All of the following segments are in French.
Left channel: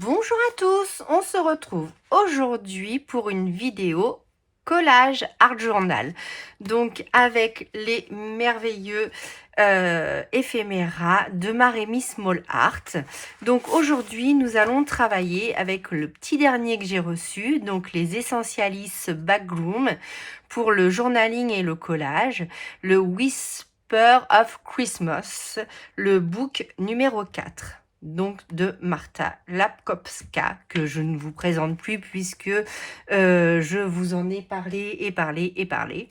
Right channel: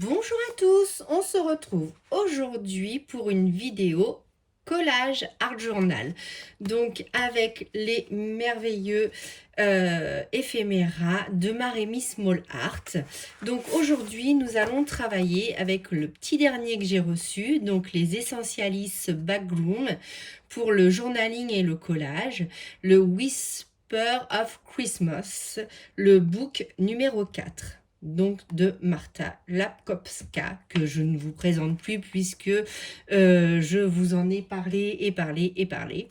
Bonjour à tous, on se retrouve aujourd'hui pour une vidéo collage art journal. Donc avec les merveilleux éphéméras de Marémy Small Art. Donc aujourd'hui nous allons travailler avec le petit dernier que j'ai reçu, donc les Essentialis Backroom pour le journaling et le collage, le Whisper of Christmas, le book numéro 4. Donc de Marta Lapkowska, que je ne vous présente plus puisque je vous en ai parlé et parlé et parlé.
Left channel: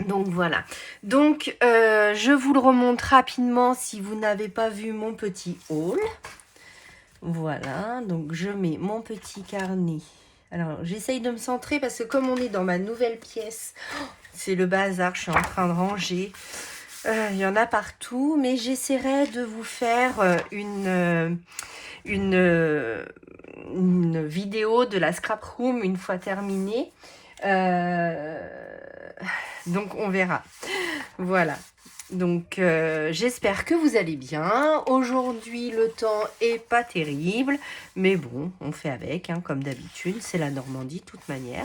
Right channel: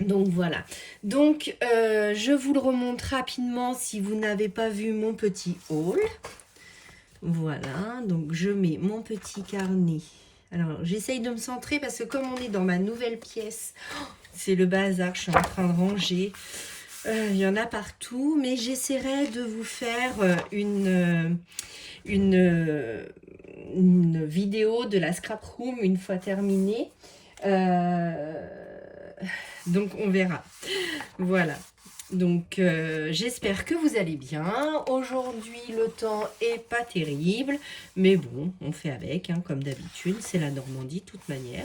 Donc voilà, donc je vous le remonte rapidement si vous n'avez pas vu mon petit haul. Voilà, donc je mets mon petit carnet. Alors j'essaye de me centrer parce que comme on est dans ma nouvelle pièce, c'est le bazar, je suis en train de ranger. Il y en a partout, mais j'essaierai de vous faire une vidéo de la scrap room une fois terminée. Donc on verra. Voilà. Donc j'espère que vous allez bien. Aujourd'hui le temps est pas terrible, mais bon, on fait avec, hein, comme d'habitude. C'est la Normandie de toute manière.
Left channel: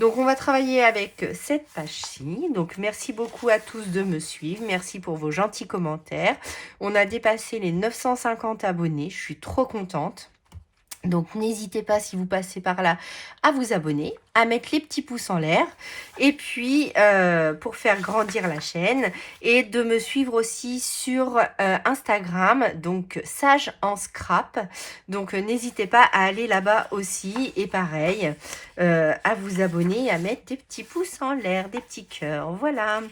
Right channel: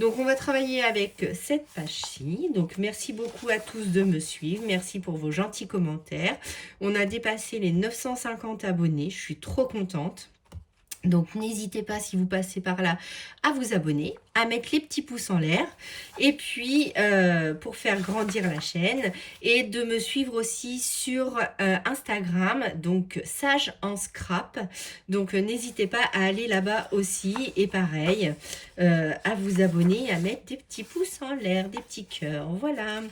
Donc on va travailler avec cette page-ci. Donc merci beaucoup à tous de me suivre. Merci pour vos gentils commentaires. On a dépassé les 950 abonnés. Je suis trop contente. Donc n'hésitez pas, si vous passez par là, à vous abonner, à mettre les petits pouces en l'air, et puis pour faire grandir la chaîne, et de me suivre aussi sur Instagram, donc Sage en Scrap. Donc n'hésitez pas à aller là-bas aussi, et pareil, à vous abonner, à mettre des petits pouces en l'air, des petits cœurs, voilà.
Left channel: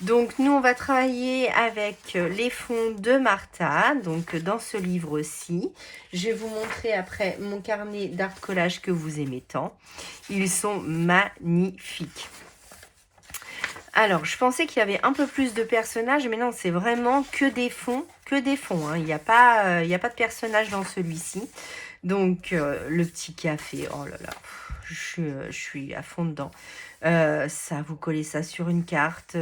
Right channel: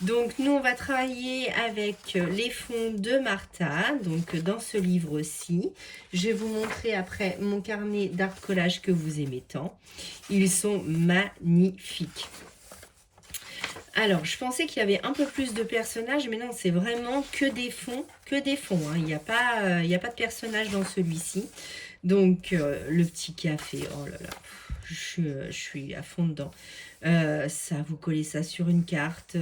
Donc nous on va travailler avec les fonds de Marta, donc dans ce livre-ci. Je vais vous montrer après mon carnet d'art collage que vous aimez tant. Ils sont magnifiques. Alors, je pensais qu'il y avait un peu plus de personnages, mais non, c'est vraiment que des fonds, hein. Il n'y a pas de personnages dans celui-ci. Donc, le petit café, oh là là, je suis à fond dedans. Ça, vous collez ça sur une carte,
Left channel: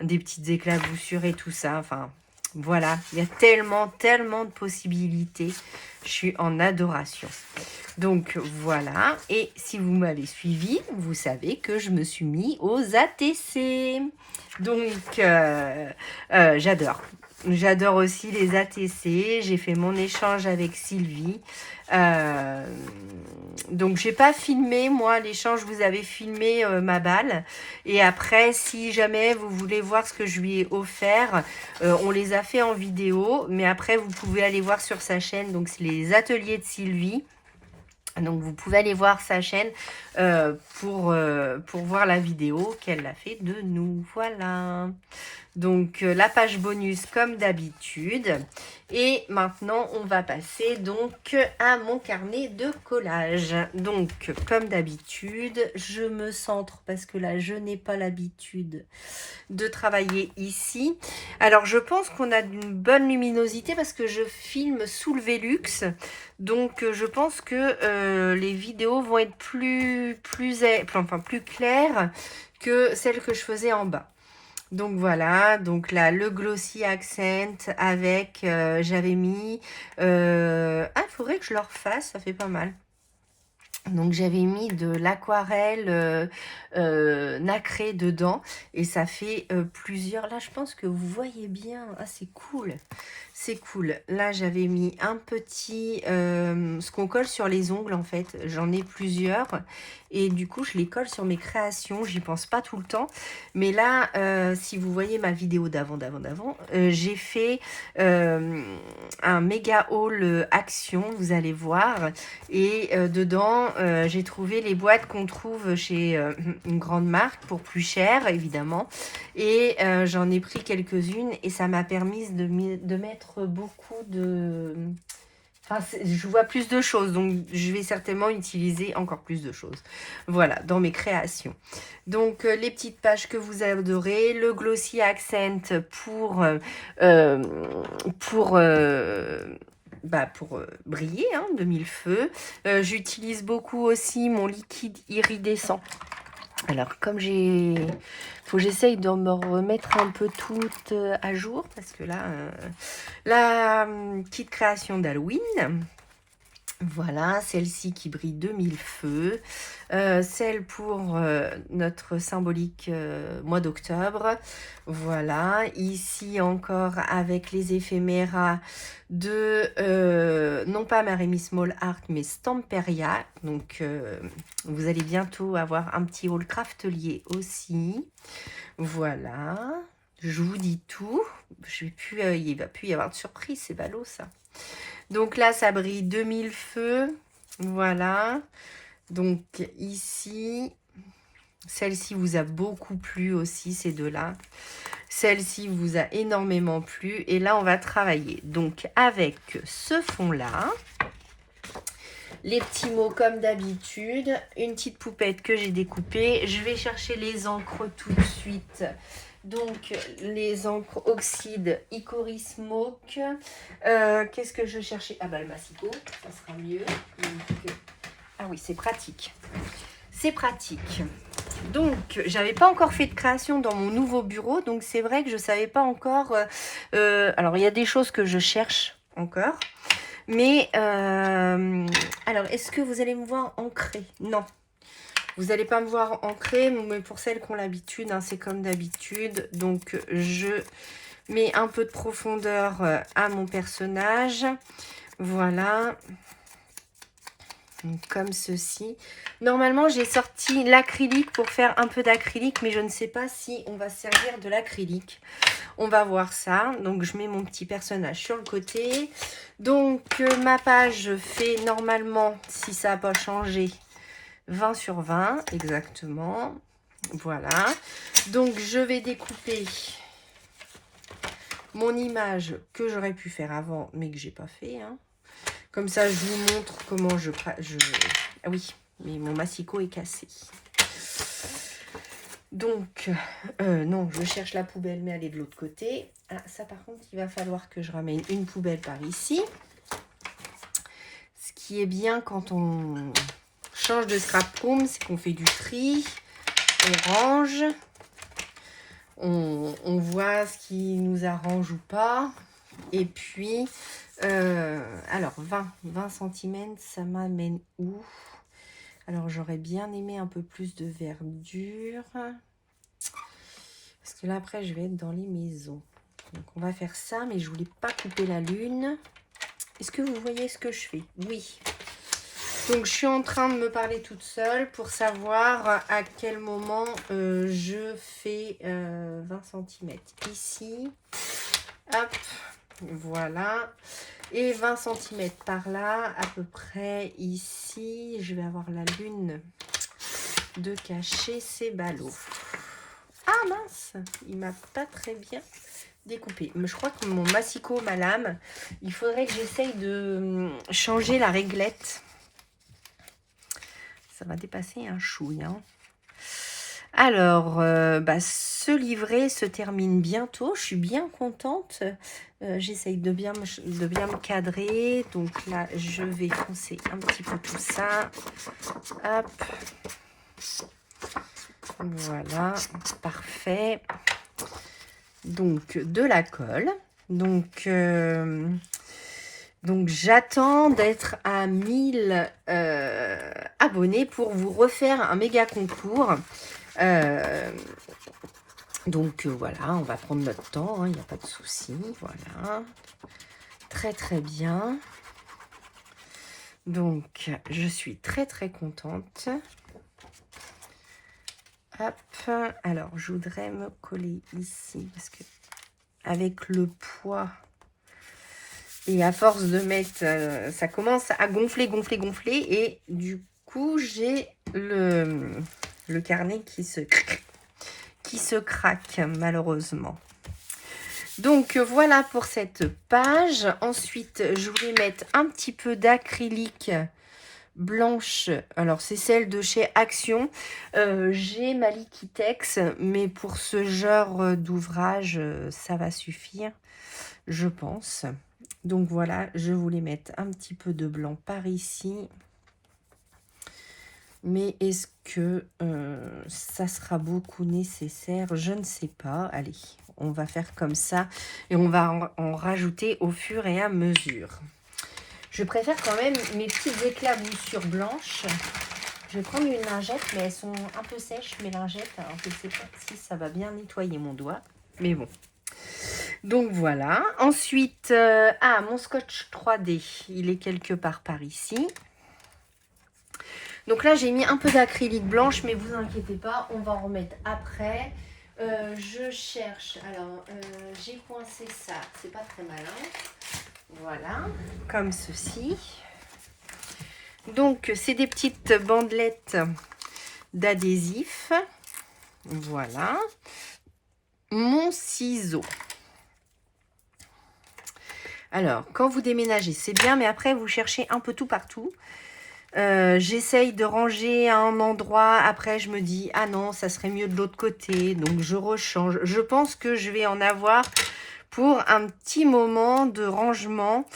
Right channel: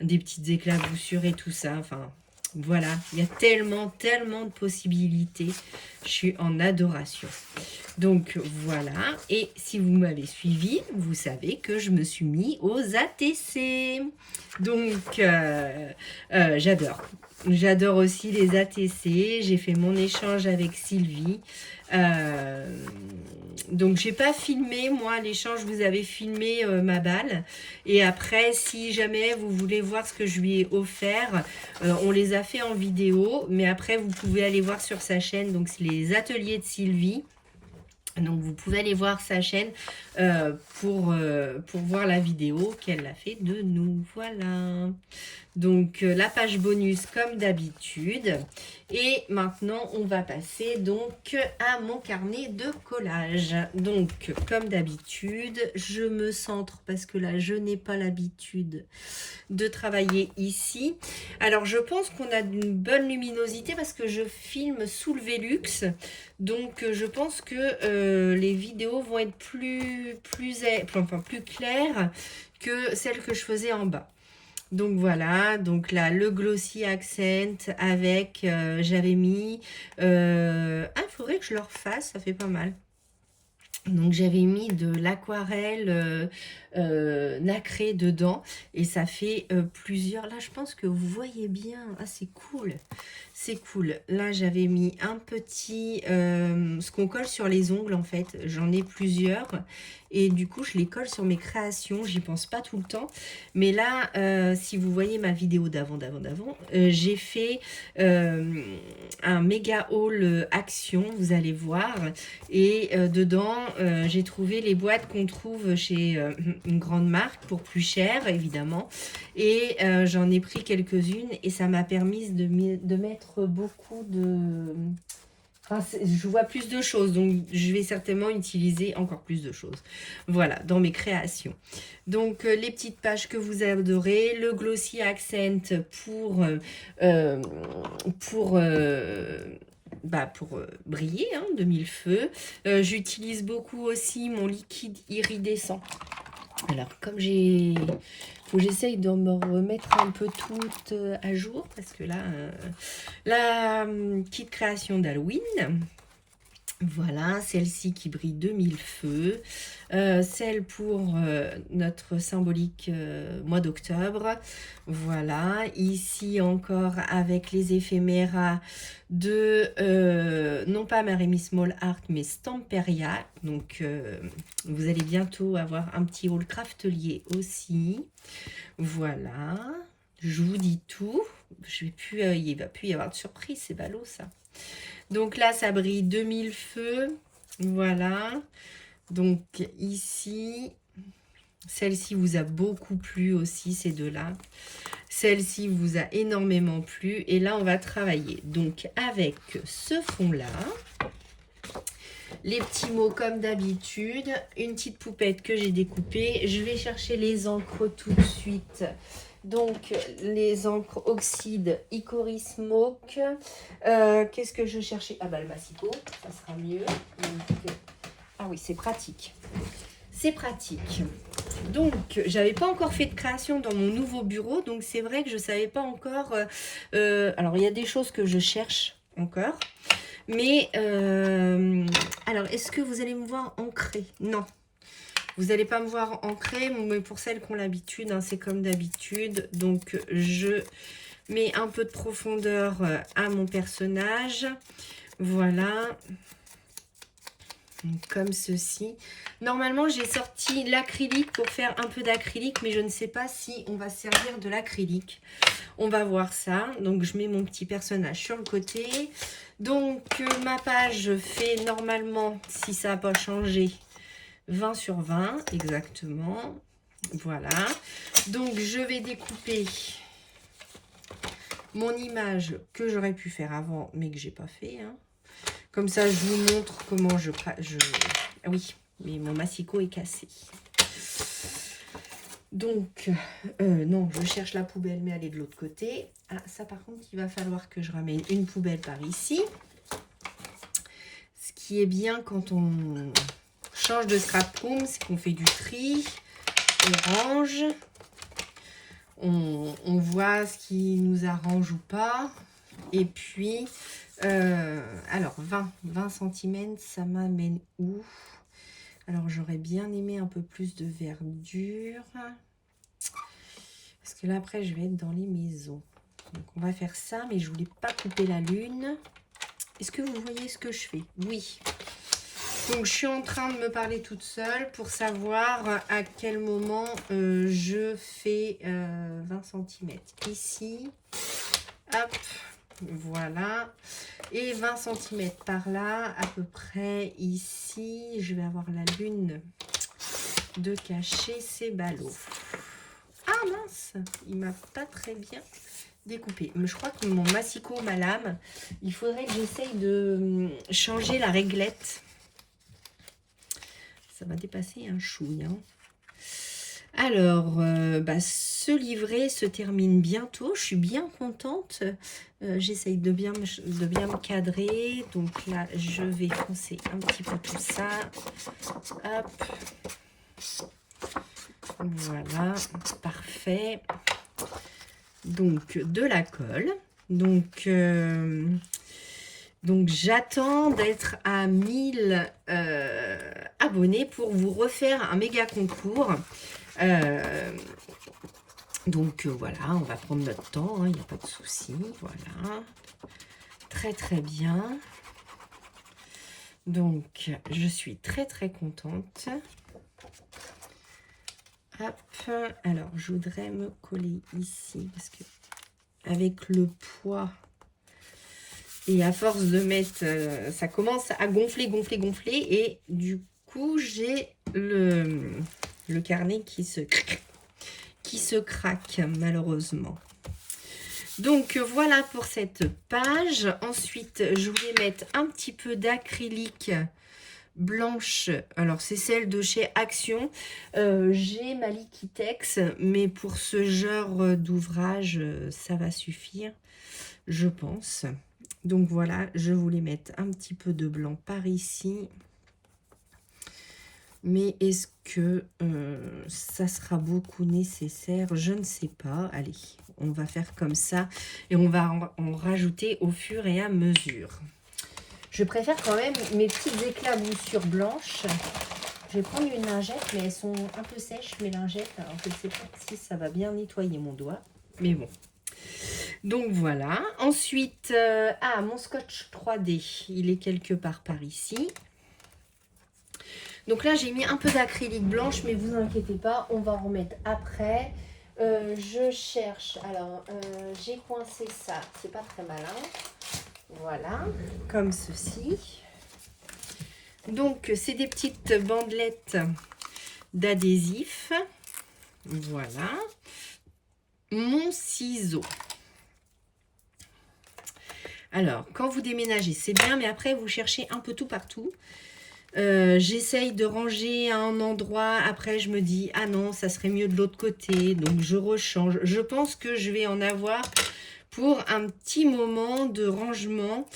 des petites éclaboussures et tout ça, enfin... Voilà, il y a tellement de possibilités. Je suis en adoration. Donc voilà, et si vous m'avez suivi, vous savez que je me suis mis aux ATC. Donc j'adore. J'adore aussi les ATC. J'ai fait mon échange avec Sylvie. Donc j'ai pas filmé moi l'échange, vous avez filmé ma balle, et après si jamais vous voulez voir ce que je lui ai offert, on les a fait en vidéo, mais après vous pouvez aller voir sur sa chaîne, donc c'est les ateliers de Sylvie. Donc vous pouvez aller voir sa chaîne pour voir la vidéo qu'elle a fait de nous. Voilà. Donc la page bonus comme d'habitude. Et maintenant on va passer donc à mon carnet de collage. Donc comme d'habitude, je me centre parce que là je n'ai pas l'habitude de travailler ici. Alors je pense qu'on a une bonne luminosité parce que je filme sous le Velux. Donc je pense que les vidéos vont être plus claires que celles que je faisais en bas. Donc voilà, donc là le glossy accent avec, j'avais mis, il faudrait que je le refasse, ça fait pas mal. Donc j'avais mis de l'aquarelle nacrée dedans et ça fait plusieurs, là je pense que vous voyez bien, ah c'est cool. C'est cool. Là, j'avais mis un petit... ce qu'on colle sur les ongles, en fait. J'en ai plusieurs. Et du coup, je les colle sur mes créations. J'y pense pas tout le temps. Mais là, si vous voyez ma vidéo d'avant, j'ai fait un méga haul action. Vous allez voir. Et dedans, j'ai trouvé les boîtes qu'on trouve chez une grande marque pour plus cher, évidemment. Et j'en ai pris quelques-unes. Et ça m'a permis de mettre beaucoup de... Enfin, je vois plus de choses, donc je vais certainement utiliser encore plus de choses. Voilà, dans mes créations. Donc, les petites pages que vous adorez, le glossy accent pour briller, hein, de mille feux. J'utilise beaucoup aussi mon liquide iridescent. Alors, comme j'ai... faut que j'essaye de me remettre un peu tout à jour, parce que là, la petite création d'Halloween. Voilà, celle-ci qui brille de mille feux. Celle pour notre symbolique mois d'octobre. Voilà, ici encore avec les éphéméras de, non pas Maremy Small Art, mais Stamperia. Donc, vous allez bientôt avoir un petit haul craftelier aussi. Voilà, je vous dis tout. Je vais plus, il ne va plus y avoir de surprise, c'est ballot ça. Donc là, ça brille 2000 feux. Voilà. Donc ici, celle-ci vous a beaucoup plu aussi, ces deux-là. Celle-ci vous a énormément plu. Et là, on va travailler. Donc avec ce fond-là, les petits mots comme d'habitude, une petite poupette que j'ai découpée. Je vais chercher les encres tout de suite. Donc, les encres oxyde Icoris Smoke. Qu'est-ce que je cherchais? Ah bah le massicot, ça sera mieux. Donc, ah oui, c'est pratique. C'est pratique. Donc, j'avais pas encore fait de création dans mon nouveau bureau. Donc, c'est vrai que je savais pas encore... alors, il y a des choses que je cherche encore. Mais, alors, est-ce que vous allez me voir ancrer? Non. Vous n'allez pas me voir ancrer, mais pour celles qui ont l'habitude, hein, c'est comme d'habitude. Donc, je mets un peu de profondeur à mon personnage. Voilà. Donc, comme ceci. Normalement, j'ai sorti l'acrylique pour faire un peu d'acrylique, mais je ne sais pas si on va servir de l'acrylique. On va voir ça. Donc, je mets mon petit personnage sur le côté. Donc, ma page fait normalement, si ça n'a pas changé, 20 sur 20, exactement. Voilà. Donc, je vais découper mon image que j'aurais pu faire avant, mais que j'ai pas fait. Hein. Comme ça, je vous montre comment je... Ah oui, mais mon massicot est cassé. Donc, non, je cherche la poubelle, mais elle est de l'autre côté. Ah, ça, par contre, il va falloir que je ramène une poubelle par ici. Ce qui est bien quand on change de scrap room, c'est qu'on fait du tri, on range, on voit ce qui nous arrange ou pas. Et puis, alors 20 cm, ça m'amène où? Alors, j'aurais bien aimé un peu plus de verdure. Parce que là, après, je vais être dans les maisons. Donc, on va faire ça, mais je voulais pas couper la lune. Est-ce que vous voyez ce que je fais? Oui. Donc, je suis en train de me parler toute seule pour savoir à quel moment je fais 20 cm. Ici, hop, voilà. Et 20 cm par là, à peu près ici. Je vais avoir la lune de cacher ces ballots. Ah mince, il m'a pas très bien découpé. Mais je crois que mon massicot, ma lame, il faudrait que j'essaye de changer la réglette. Ça va dépasser un chouille. Hein. Alors, ce livret se termine bientôt. Je suis bien contente. J'essaye de bien me cadrer. Donc là, je vais foncer un petit peu tout ça. Hop. Voilà, parfait. Donc, de la colle. Donc j'attends d'être à 1000 abonnés pour vous refaire un méga concours. Voilà, on va prendre notre temps, il n'y a pas de souci. Voilà, très très bien. Donc, je suis très très contente. Hop, alors je voudrais me coller ici parce que avec le poids et à force de mettre, ça commence à gonfler et du coup j'ai le carnet qui se craque malheureusement. Donc voilà pour cette page. Ensuite, je voulais mettre un petit peu d'acrylique blanche. Alors, c'est celle de chez Action. J'ai ma Liquitex, mais pour ce genre d'ouvrage, ça va suffire, je pense. Donc voilà, je voulais mettre un petit peu de blanc par ici. Mais est-ce que ça sera beaucoup nécessaire? Je ne sais pas. Allez, on va faire comme ça et on va en rajouter au fur et à mesure. Je préfère quand même mes petites éclaboussures blanches. Je vais prendre une lingette, mais elles sont un peu sèches, mes lingettes. Alors, je ne sais pas si ça va bien nettoyer mon doigt. Mais bon. Donc, voilà. Ensuite, mon scotch 3D. Il est quelque part par ici. Donc là, j'ai mis un peu d'acrylique blanche, mais vous inquiétez pas, on va en remettre après. Je cherche. Alors, j'ai coincé ça. C'est pas très malin. Voilà, comme ceci. Donc, c'est des petites bandelettes d'adhésif. Voilà. Mon ciseau. Alors, quand vous déménagez, c'est bien, mais après, vous cherchez un peu tout partout. J'essaye de ranger à un endroit. Après, je me dis, ah non, ça serait mieux de l'autre côté. Donc, je rechange. Je pense que je vais en avoir pour un petit moment de rangement.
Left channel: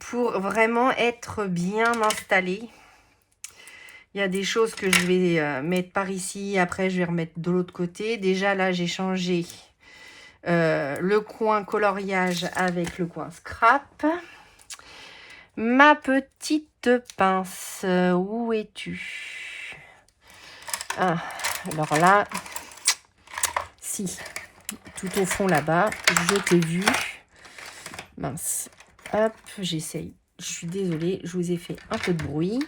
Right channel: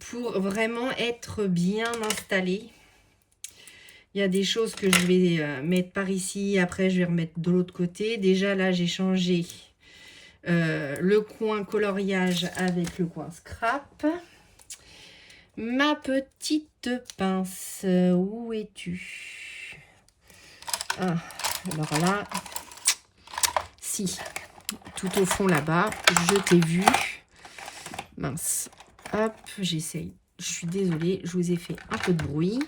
Pour vraiment être bien installé. Il y a des choses que je vais mettre par ici, après je vais remettre de l'autre côté. Déjà là j'ai changé le coin coloriage avec le coin scrap. Ma petite pince, où es-tu? Ah, alors là, si, tout au fond là-bas, je t'ai vu. Mince. Hop, j'essaye. Je suis désolée, je vous ai fait un peu de bruit.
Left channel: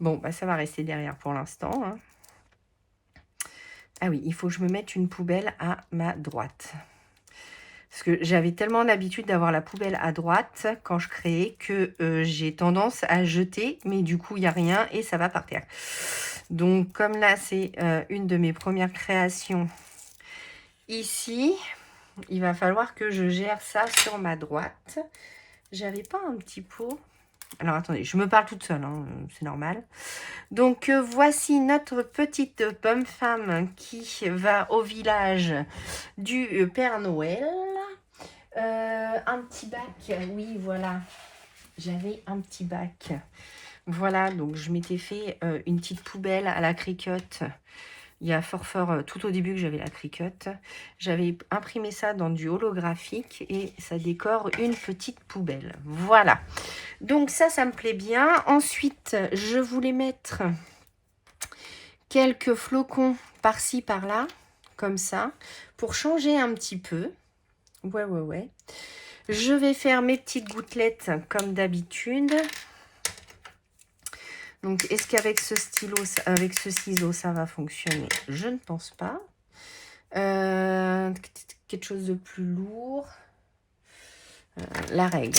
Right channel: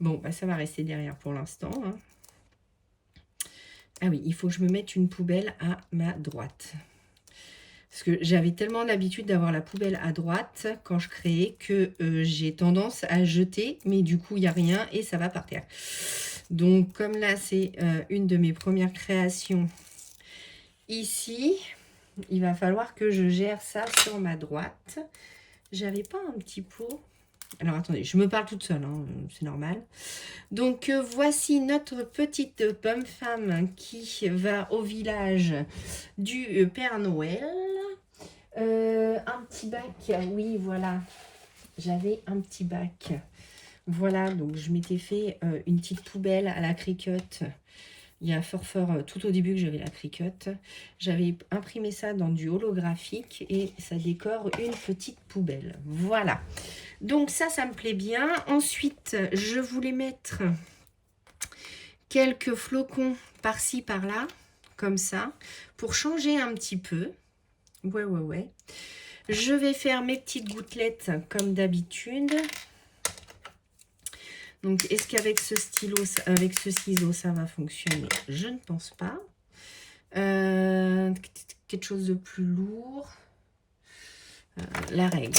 Bon, bah ça va rester derrière pour l'instant. Hein. Ah oui, il faut que je me mette une poubelle à ma droite. Parce que j'avais tellement l'habitude d'avoir la poubelle à droite quand je créais que j'ai tendance à jeter. Mais du coup, il n'y a rien et ça va par terre. Donc, comme là, c'est une de mes premières créations ici, il va falloir que je gère ça sur ma droite. J'avais pas un petit pot. Alors, attendez, je me parle toute seule, hein, c'est normal. Donc, voici notre petite pomme femme qui va au village du Père Noël. Un petit bac, oui, voilà. J'avais un petit bac. Voilà, donc je m'étais fait une petite poubelle à la Cricut. Il y a fort tout au début que j'avais la Cricut. J'avais imprimé ça dans du holographique et ça décore une petite poubelle. Voilà. Donc ça me plaît bien. Ensuite, je voulais mettre quelques flocons par-ci, par-là, comme ça, pour changer un petit peu. Ouais. Je vais faire mes petites gouttelettes comme d'habitude. Donc, est-ce qu'avec ce stylo, avec ce ciseau, ça va fonctionner? Je ne pense pas. Quelque chose de plus lourd. La règle.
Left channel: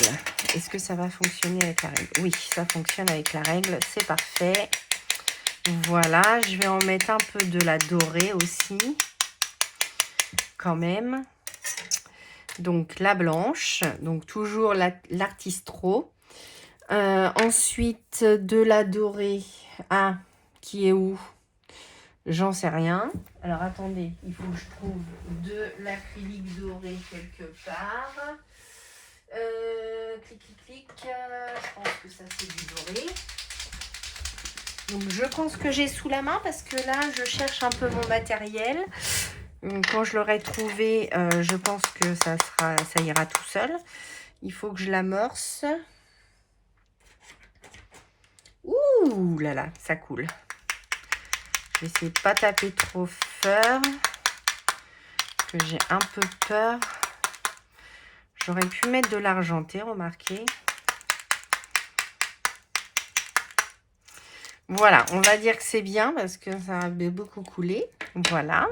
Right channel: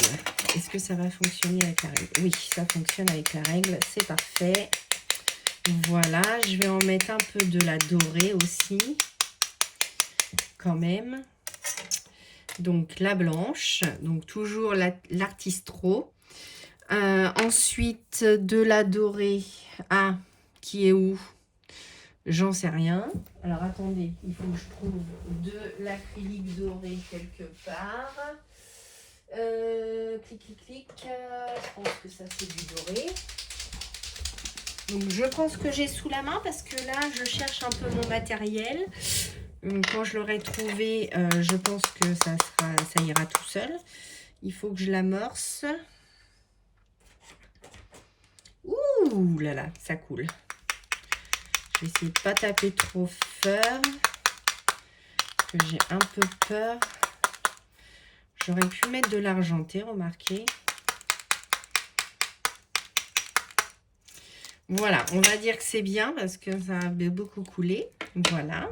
Est-ce que ça va fonctionner avec la règle? Oui, ça fonctionne avec la règle. C'est parfait. Voilà. Je vais en mettre un peu de la dorée aussi. Quand même. Donc, la blanche. Donc, toujours l'artistro. Ensuite, de la dorée. Ah, qui est où? J'en sais rien. Alors, attendez. Il faut que je trouve de l'acrylique doré quelque part. Clic. Je pense que ça, c'est du doré. Donc, je pense que j'ai sous la main parce que là, je cherche un peu mon matériel. Quand je l'aurai trouvé, je pense que ça ira tout seul. Il faut que je l'amorce. Ouh là là, ça coule. Je vais essayer de ne pas taper trop fort. Parce que j'ai un peu peur. J'aurais pu mettre de l'argenté, remarquez. Voilà, on va dire que c'est bien parce que ça a beaucoup coulé. Voilà.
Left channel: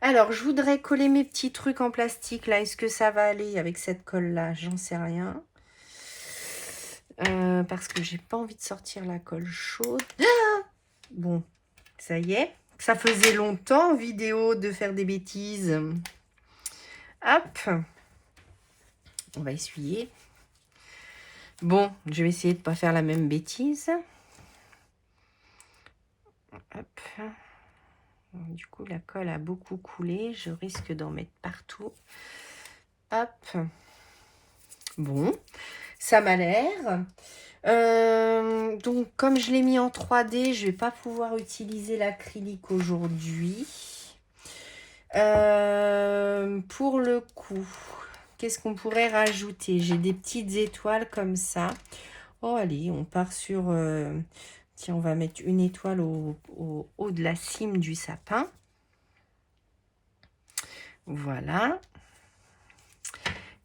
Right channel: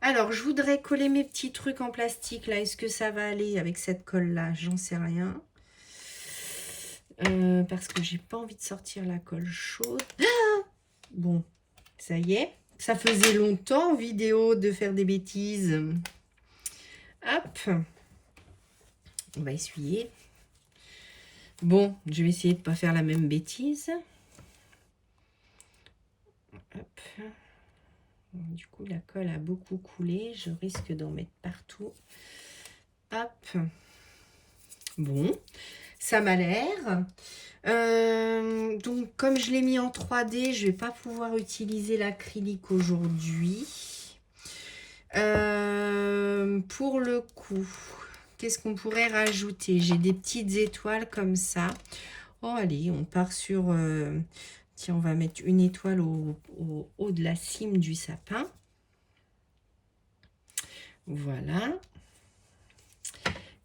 Alors, je voudrais coller mes petits trucs en plastique là. Est-ce que ça va aller avec cette colle là? J'en sais rien. Parce que j'ai pas envie de sortir la colle chaude. Ah, bon, ça y est. Ça faisait longtemps en vidéo de faire des bêtises. Hop. On va essuyer. Bon, je vais essayer de ne pas faire la même bêtise. Hop. Du coup, la colle a beaucoup coulé. Je risque d'en mettre partout. Hop. Bon, ça m'a l'air. Donc, comme je l'ai mis en 3D, je ne vais pas pouvoir utiliser l'acrylique aujourd'hui. Pour le coup, qu'est-ce qu'on pourrait rajouter? J'ai des petites étoiles comme ça. Oh, allez, on part sur... tiens, on va mettre une étoile au haut de la cime du sapin. Voilà.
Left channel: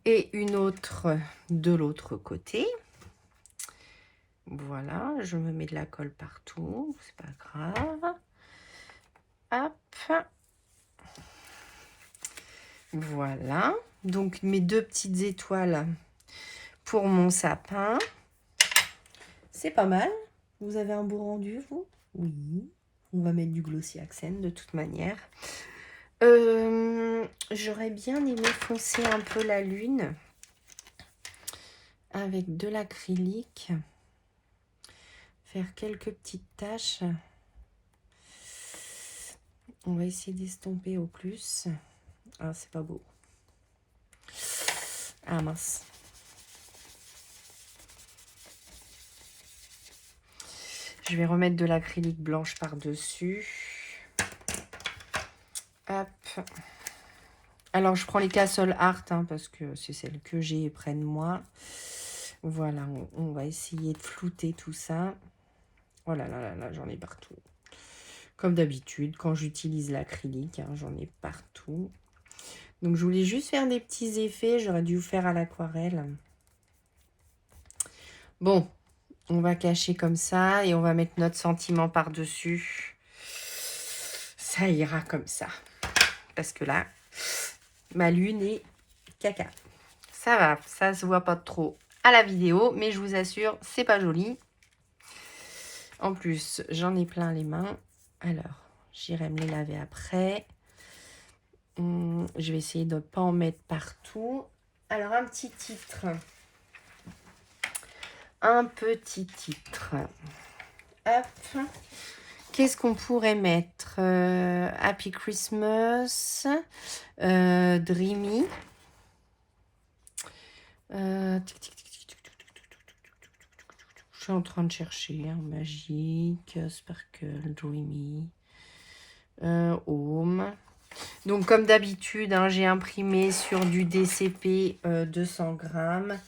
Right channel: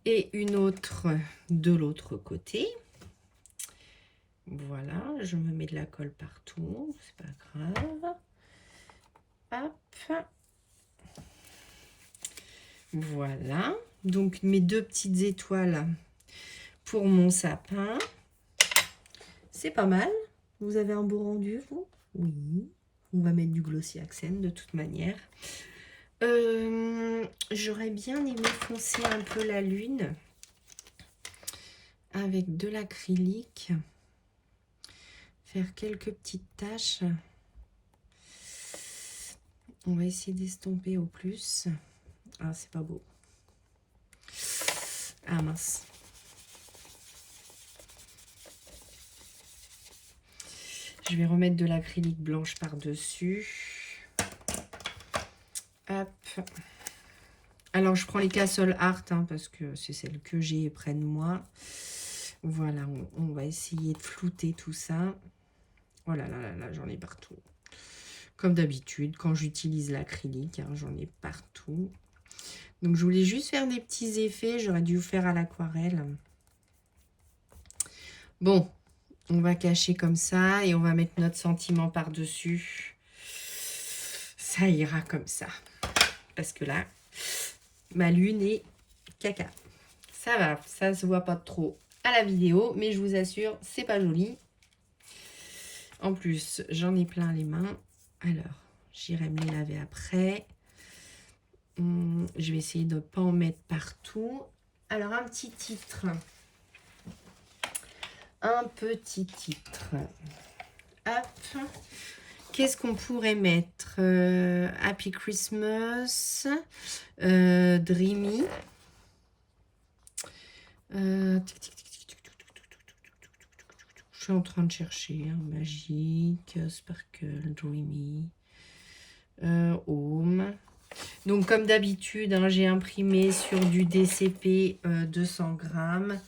Et une autre de l'autre côté. Voilà, je me mets de la colle partout, c'est pas grave. Hop. Voilà, donc mes deux petites étoiles pour mon sapin. C'est pas mal. Vous avez un beau rendu, vous? Oui. On va mettre du glossy accent de toute manière. J'aurais bien aimé foncer un peu la lune avec de l'acrylique. Faire quelques petites taches. On va essayer d'estomper au plus. Ah, c'est pas beau. Ah mince. Je vais remettre de l'acrylique blanche par-dessus. Hop. Alors, je prends les Castle Art hein, parce que c'est celle que j'ai près de moi. Voilà, on va essayer de flouter tout ça. Oh là là là là, j'en ai partout. Comme d'habitude, quand j'utilise l'acrylique, hein, j'en ai partout. Donc, je voulais juste faire des petits effets. J'aurais dû faire à l'aquarelle. Bon, on va cacher comme ça et on va mettre notre sentiment par-dessus. Ça ira comme ça. Parce que là, ma lune est caca. Ça va, ça se voit pas trop à la vidéo, mais je vous assure, c'est pas joli. En plus, j'en ai plein les mains. Alors, j'irai me les laver après. Je vais essayer de ne pas en mettre partout. Alors, un petit titre. Un petit titre. Hop. Qu'est-ce qu'on pourrait mettre? Happy Christmas. Dreamy. Je suis en train de chercher. Hein, magique. Sparkle. Dreamy. Home. Donc, comme d'habitude, hein, j'ai imprimé sur du DCP 200 grammes.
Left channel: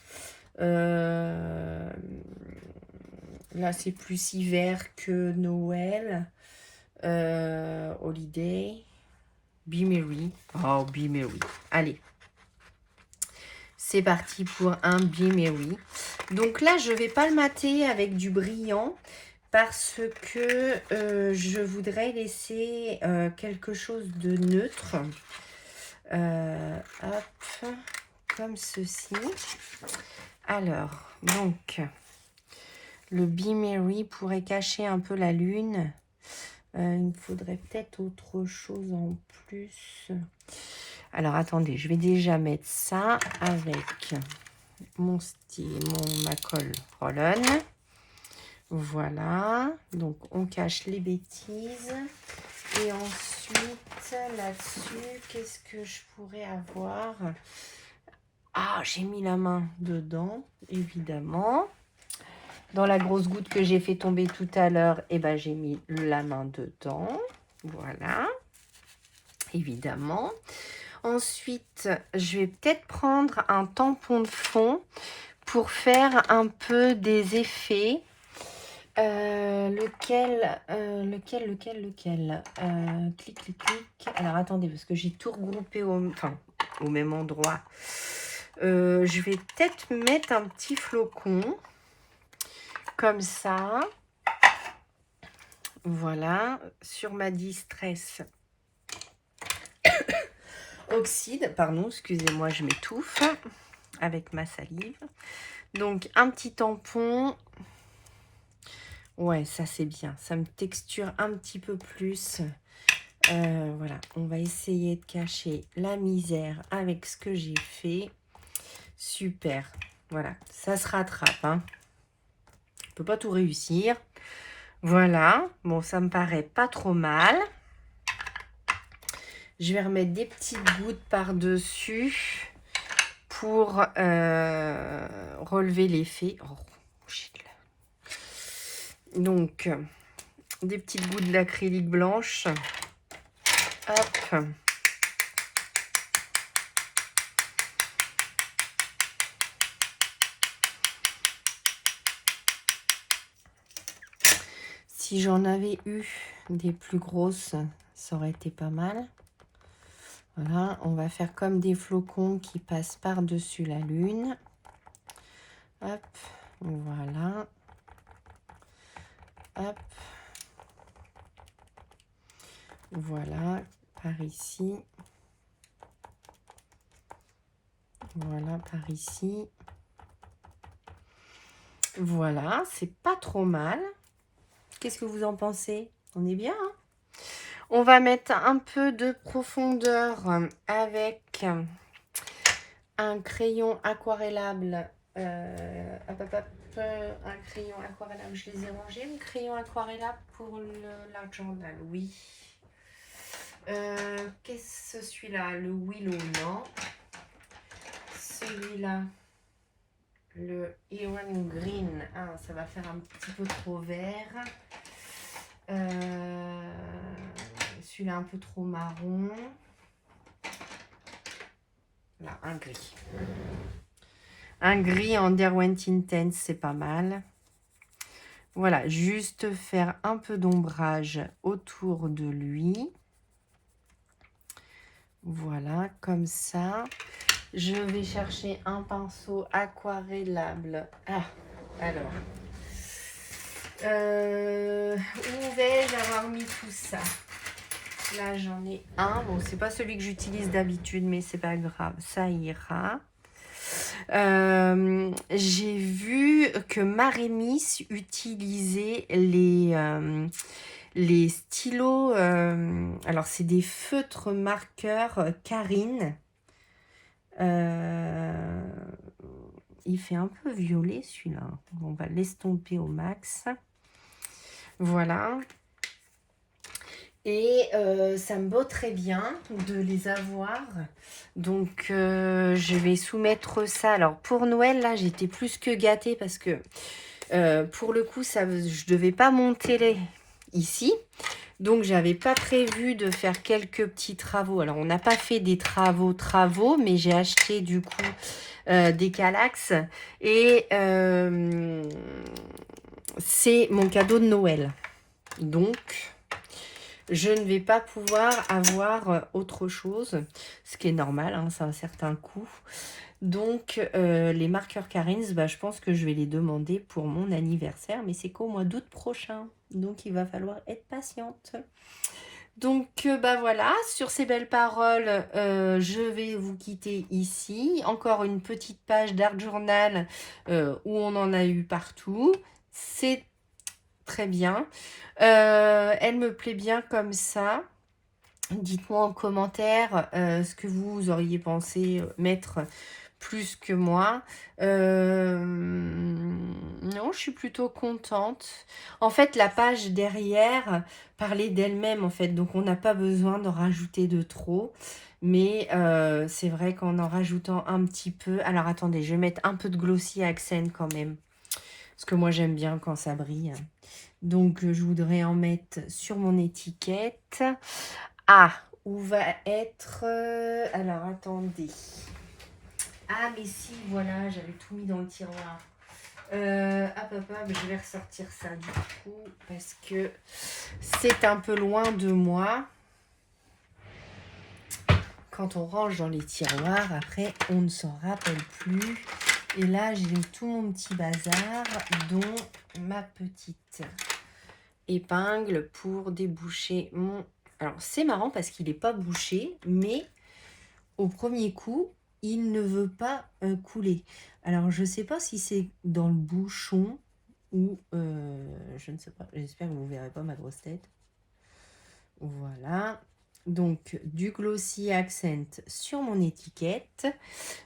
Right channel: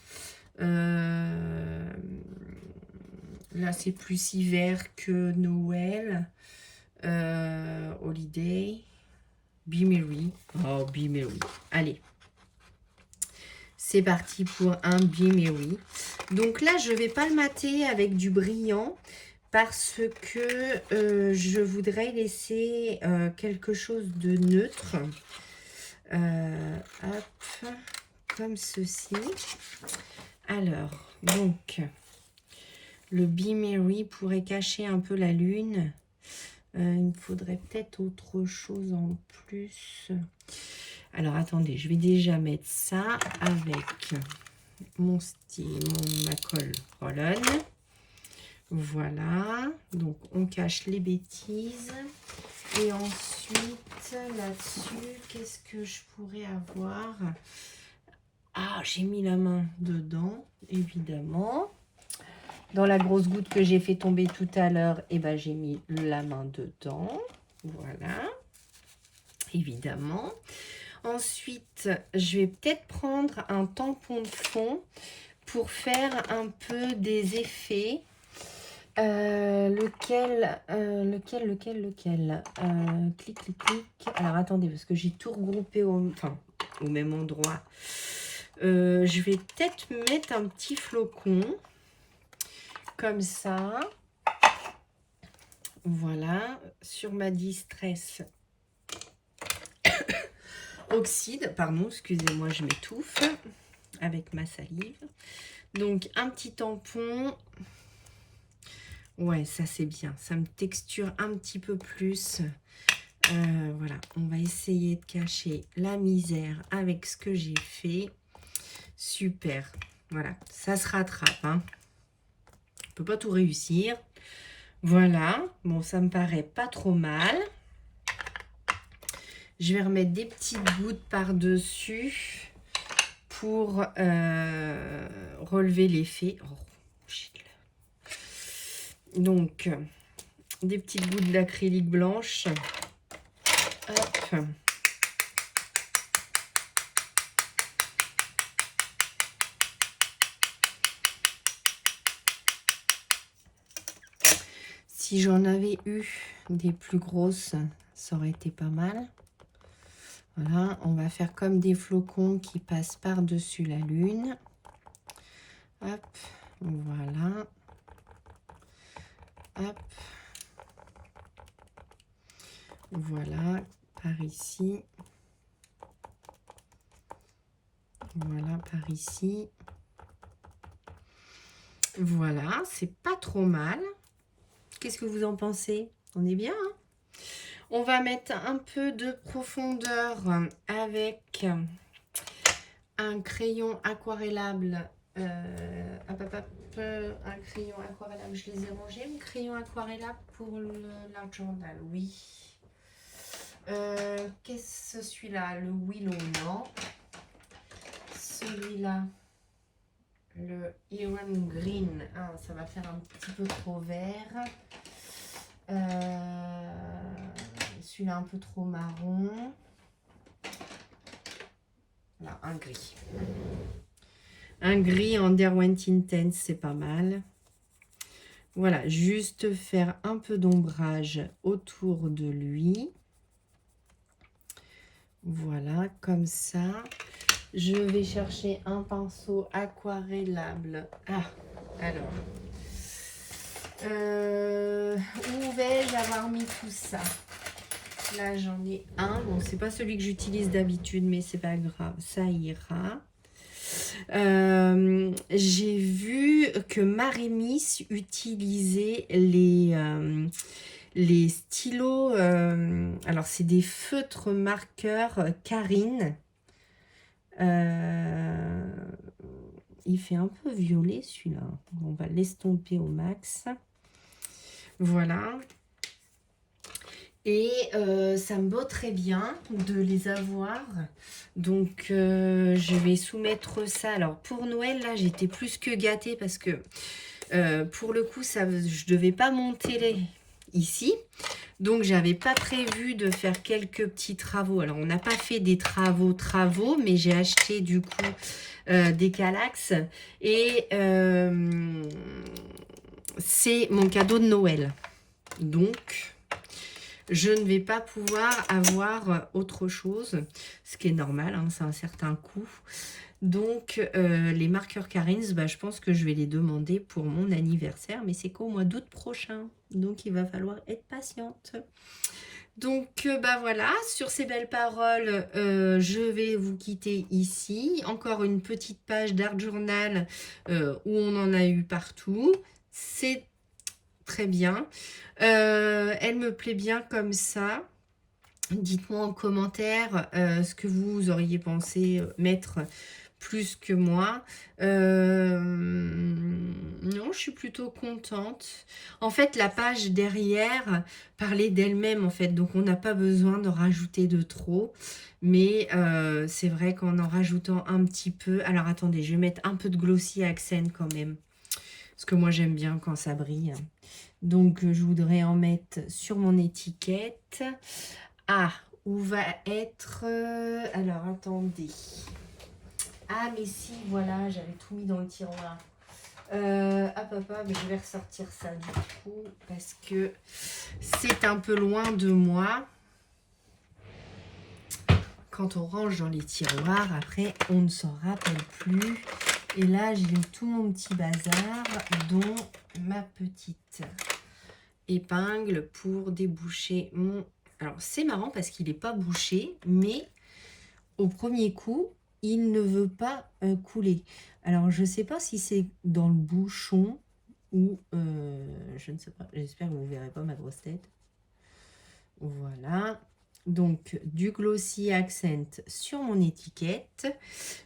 Là, c'est plus hiver que Noël. Holiday. Be Merry. Oh, Be Merry. Allez. C'est parti pour un Be Merry. Donc là, je ne vais pas le mater avec du brillant parce que je voudrais laisser quelque chose de neutre. Hop, comme ceci. Alors, donc, le Be Merry pourrait cacher un peu la lune. Il me faudrait peut-être autre chose en plus. Alors, attendez, je vais déjà mettre ça avec mon style, ma colle Roll-On. Voilà, donc on cache les bêtises. Et ensuite, là-dessus, qu'est-ce que je pourrais avoir? Ah, j'ai mis la main dedans, évidemment. Dans la grosse goutte que j'ai fait tomber tout à l'heure, eh ben, j'ai mis la main dedans. Voilà, évidemment. Ensuite, je vais peut-être prendre un tampon de fond pour faire un peu des effets. Lequel clic, clic, clic. Alors, attendez, parce que j'ai tout regroupé au même endroit. Je vais peut-être mettre un petit flocon. Comme ça. Voilà. Sur ma distress oxyde. Pardon, excusez-moi, je m'étouffe avec ma salive. Donc, un petit tampon. Ouais, ça c'est bien. Ça me texture un petit peu plus. Voilà, on va essayer de cacher la misère avec ce que j'ai fait. Super. Voilà, ça se rattrape. Hein. On peut pas tout réussir. Voilà. Bon, ça me paraît pas trop mal. Je vais remettre des petites gouttes par-dessus pour relever l'effet. Oh, donc, des petites gouttes d'acrylique blanche. Hop. Si j'en avais eu des plus grosses, ça aurait été pas mal. Voilà, on va faire comme des flocons qui passent par-dessus la lune. Hop, voilà. Hop. Voilà, par ici. Voilà, par ici. Voilà, c'est pas trop mal. Qu'est-ce que vous en pensez? On est bien, hein? On va mettre un peu de profondeur avec un crayon aquarellable. Hop, hop, hop, un crayon aquarellable, je les ai rangés. Un crayon aquarellable pour l'art journal, oui. Qu'est-ce que celui-là? Le Willow, non. Celui-là, le Iron Green. Ah, ça va faire un petit peu trop vert. Celui-là, un peu trop marron. Là, un gris. Un gris en Derwent Intense, c'est pas mal. Voilà, juste faire un peu d'ombrage autour de lui. Voilà, comme ça. Je vais chercher un pinceau aquarellable. Ah, alors. Où vais-je avoir mis tout ça? Là, j'en ai un. Bon, c'est pas celui que j'utilise d'habitude, mais c'est pas grave, ça ira. J'ai vu que Marie-Miss utilisait les stylos. Alors, c'est des feutres marqueurs Karine. Il fait un peu violet celui-là. On va l'estomper au max. Voilà. Et ça me botterait bien de les avoir. Donc, je vais soumettre ça. Alors, pour Noël, là, j'étais plus que gâtée parce que, pour le coup, ça, je ne devais pas monter ici. Donc, j'avais pas prévu de faire quelques petits travaux. Alors, on n'a pas fait des travaux, mais j'ai acheté, du coup, des Kallax. Et c'est mon cadeau de Noël. Donc... je ne vais pas pouvoir avoir autre chose, ce qui est normal, hein, c'est un certain coût. Donc, les marqueurs Karins, bah, je pense que je vais les demander pour mon anniversaire, mais c'est qu'au mois d'août prochain. Donc, il va falloir être patiente. Donc, bah voilà, sur ces belles paroles, je vais vous quitter ici. Encore une petite page d'Art Journal où on en a eu partout. C'est très bien. Elle me plaît bien comme ça. Dites-moi en commentaire ce que vous auriez pensé mettre plus que moi. Non, je suis plutôt contente. En fait, la page derrière parlait d'elle-même, en fait. Donc, on n'a pas besoin de rajouter de trop. Mais c'est vrai qu'en rajoutant un petit peu... Alors, attendez, je vais mettre un peu de Glossy Accent quand même. Parce que moi, j'aime bien quand ça brille. Donc, je voudrais en mettre sur mon étiquette. Ah, où va être... alors, attendez. Ah, mais si, voilà, j'avais tout mis dans le tiroir. Hop, hop, hop, je vais ressortir ça du coup, parce que c'est un peu loin de moi. Quand on range dans les tiroirs, après, on ne s'en rappelle plus. Et là, j'ai tout mon petit bazar, dont ma petite épingle pour déboucher mon... Alors, c'est marrant parce qu'il n'est pas bouché, mais au premier coup, il ne veut pas couler. Alors, je ne sais pas si c'est dans le bouchon ou... je ne sais pas. J'espère que vous ne verrez pas ma grosse tête. Voilà. Donc, du Glossy Accent sur mon étiquette.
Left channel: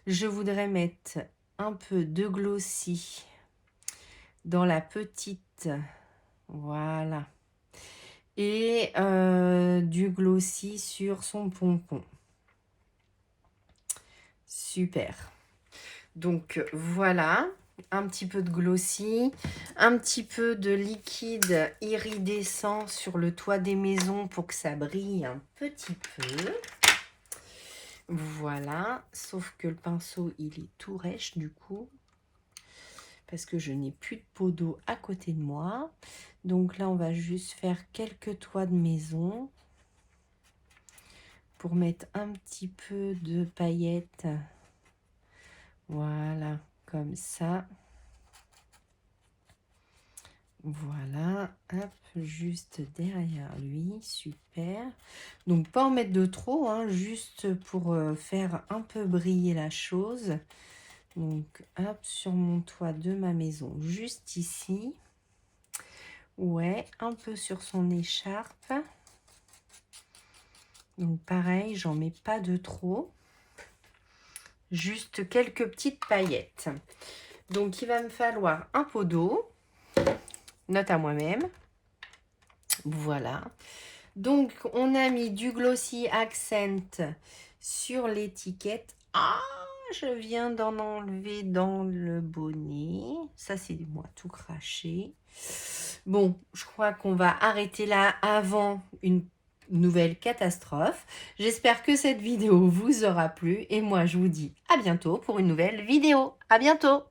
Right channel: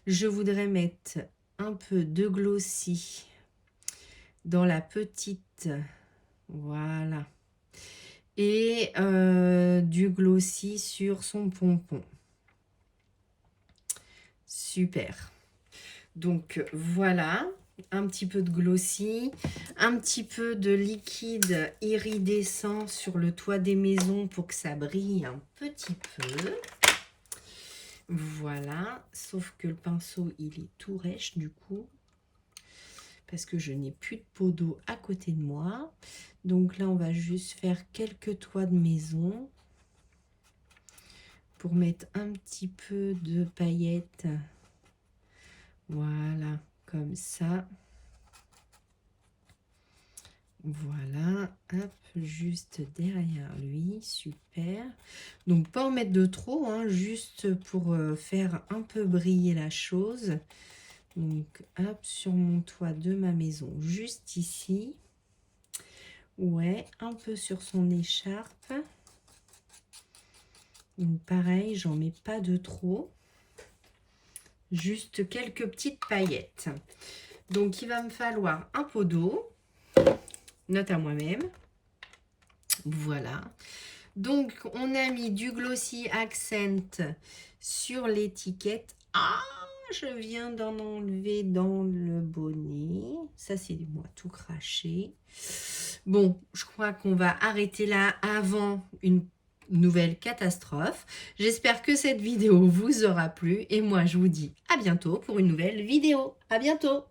Je voudrais mettre un peu de Glossy dans la petite... Voilà. Et du Glossy sur son pompon. Super. Donc voilà, un petit peu de Glossy, un petit peu de liquide iridescent sur le toit des maisons pour que ça brille un petit peu. Voilà, sauf que le pinceau, il est tout rêche du coup, parce que je n'ai plus de pot d'eau à côté de moi. Donc là, on va juste faire quelques toits de maison pour mettre un petit peu de paillettes. Voilà, comme ça. Voilà, hop, juste derrière lui, super. Donc pas en mettre de trop, hein, juste pour faire un peu briller la chose. Donc hop, sur mon toit de ma maison, juste ici. Ouais, un peu sur son écharpe. Donc pareil, j'en mets pas de trop. Juste quelques petites paillettes. Donc il va me falloir un pot d'eau. Note à moi-même. Voilà. Donc on a mis du Glossy Accent sur l'étiquette. Ah, je viens d'en enlever dans le bonnet. Ça c'est moi tout craché. Bon, je crois qu'on va arrêter là avant une nouvelle catastrophe. J'espère que cette vidéo vous aura plu et moi je vous dis à bientôt pour une nouvelle vidéo. À bientôt!